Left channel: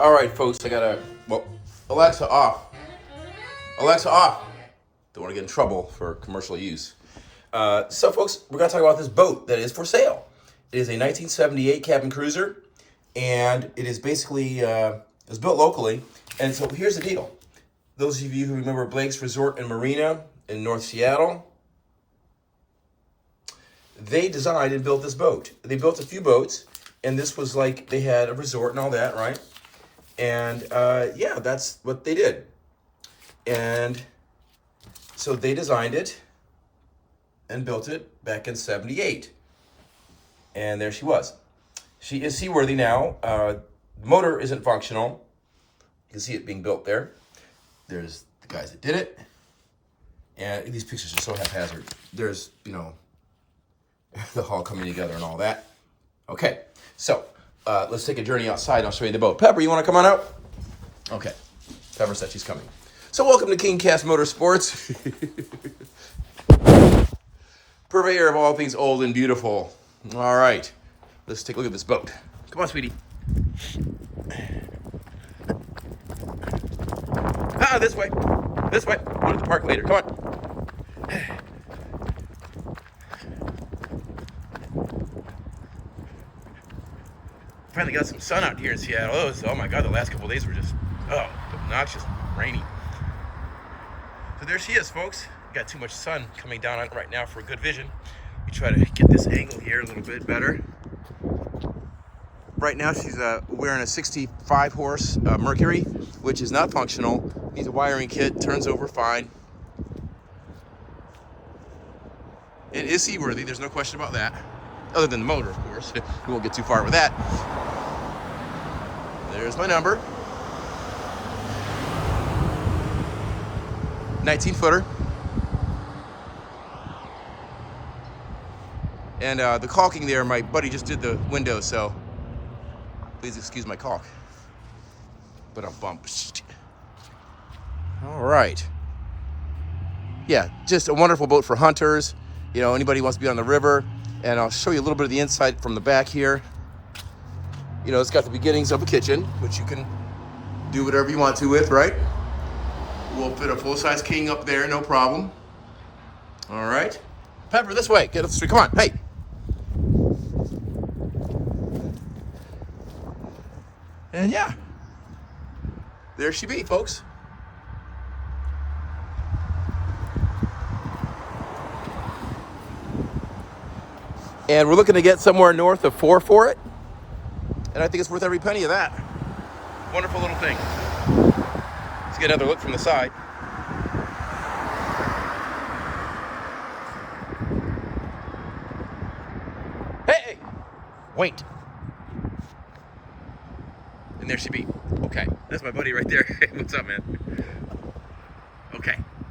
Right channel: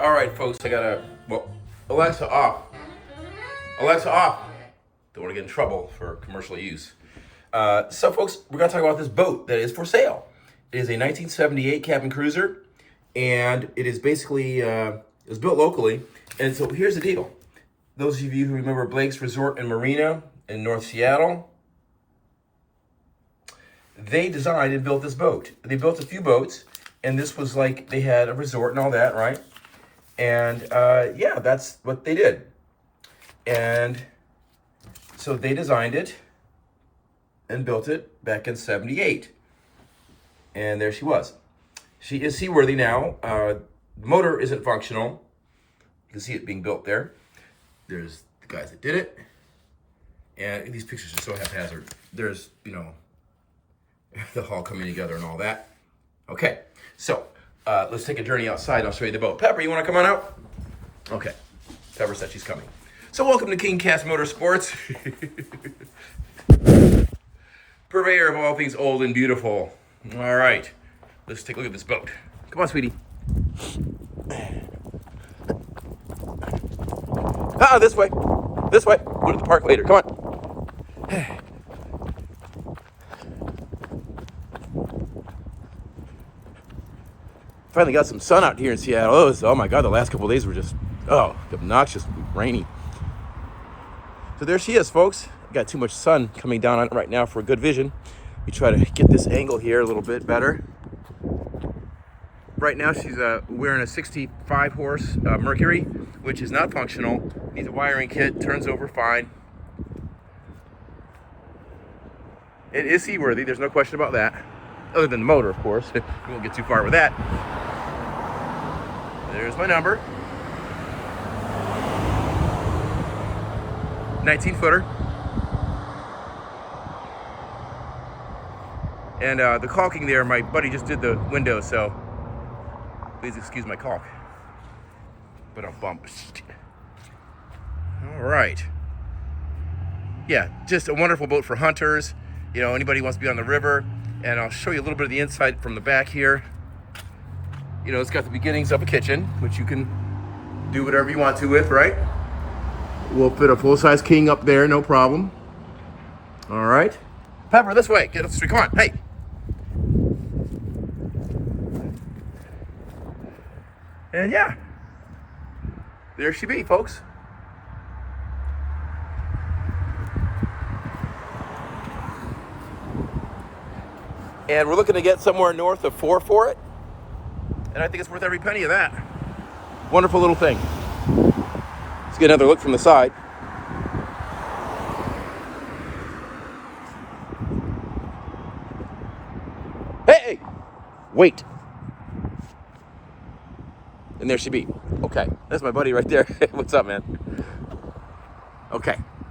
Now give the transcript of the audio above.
All right, folks, I gotta, well, Alexa off. Alexa off. Don't want to get in trouble for commercial use. So, folks, we're gonna talk about this boat that is for sale. It is a 1978 cabin cruiser, and it is basically, it was built locally. And so here's the deal. Those of you who remember Blake's Resort and Marina in North Seattle, they designed and built this boat. They built a few boats, and this was like, they had a resort and all that, right? And yeah, that's what they did. And so they designed it and built it back in 78. And there she was. She is seaworthy now. The motor isn't functional. You can see it being built there. There's the guys that did it. And these pictures are so haphazard. There's, you know, the hull coming together and all that. Okay, so let's take a journey outside and I'll show you the boat. Pepper, you want to come on out? Okay, Pepper said she's coming. So welcome to King Cast Motorsports. Purveyor of all things old and beautiful. All right, let's take a look at this boat. Come on, sweetie. This way. This way. We'll get to park later. Come on. Finally got some sun out here in Seattle. Oh my God, the last couple of days were just, obnoxious, rainy. So there she is, folks. Got too much sun coming down on it right now for a good vision. We try to get this angle here a little bit better. Right now she's wearing a 65 horse Mercury, which is not functional. Needs a wiring kit, turns over fine. It is seaworthy, there's no question about that. Other than the motor, of course. We won't get too far with that. There's my number. 19-footer. And the caulking there, my buddy just did the window, so please excuse my caulk. But I'll bump. All right. Yeah, just a wonderful boat for hunters. You know, anybody who wants to be on the river. And I'll show you a little bit of the inside from the back here. You know, it's got the beginnings of a kitchen, which you can do whatever you want to with, right? We'll fit a full-size king up there, no problem. All right. Pepper, this way. Get up the street. Come on. Hey. And yeah, there she be, folks. And we're looking to get somewhere north of 4 for it. And I think it's worth every penny of that. Wonderful little thing. Let's get another look from the side. Hey! Wait. And there she be. Okay, that's my buddy right there. What's up, man? Okay.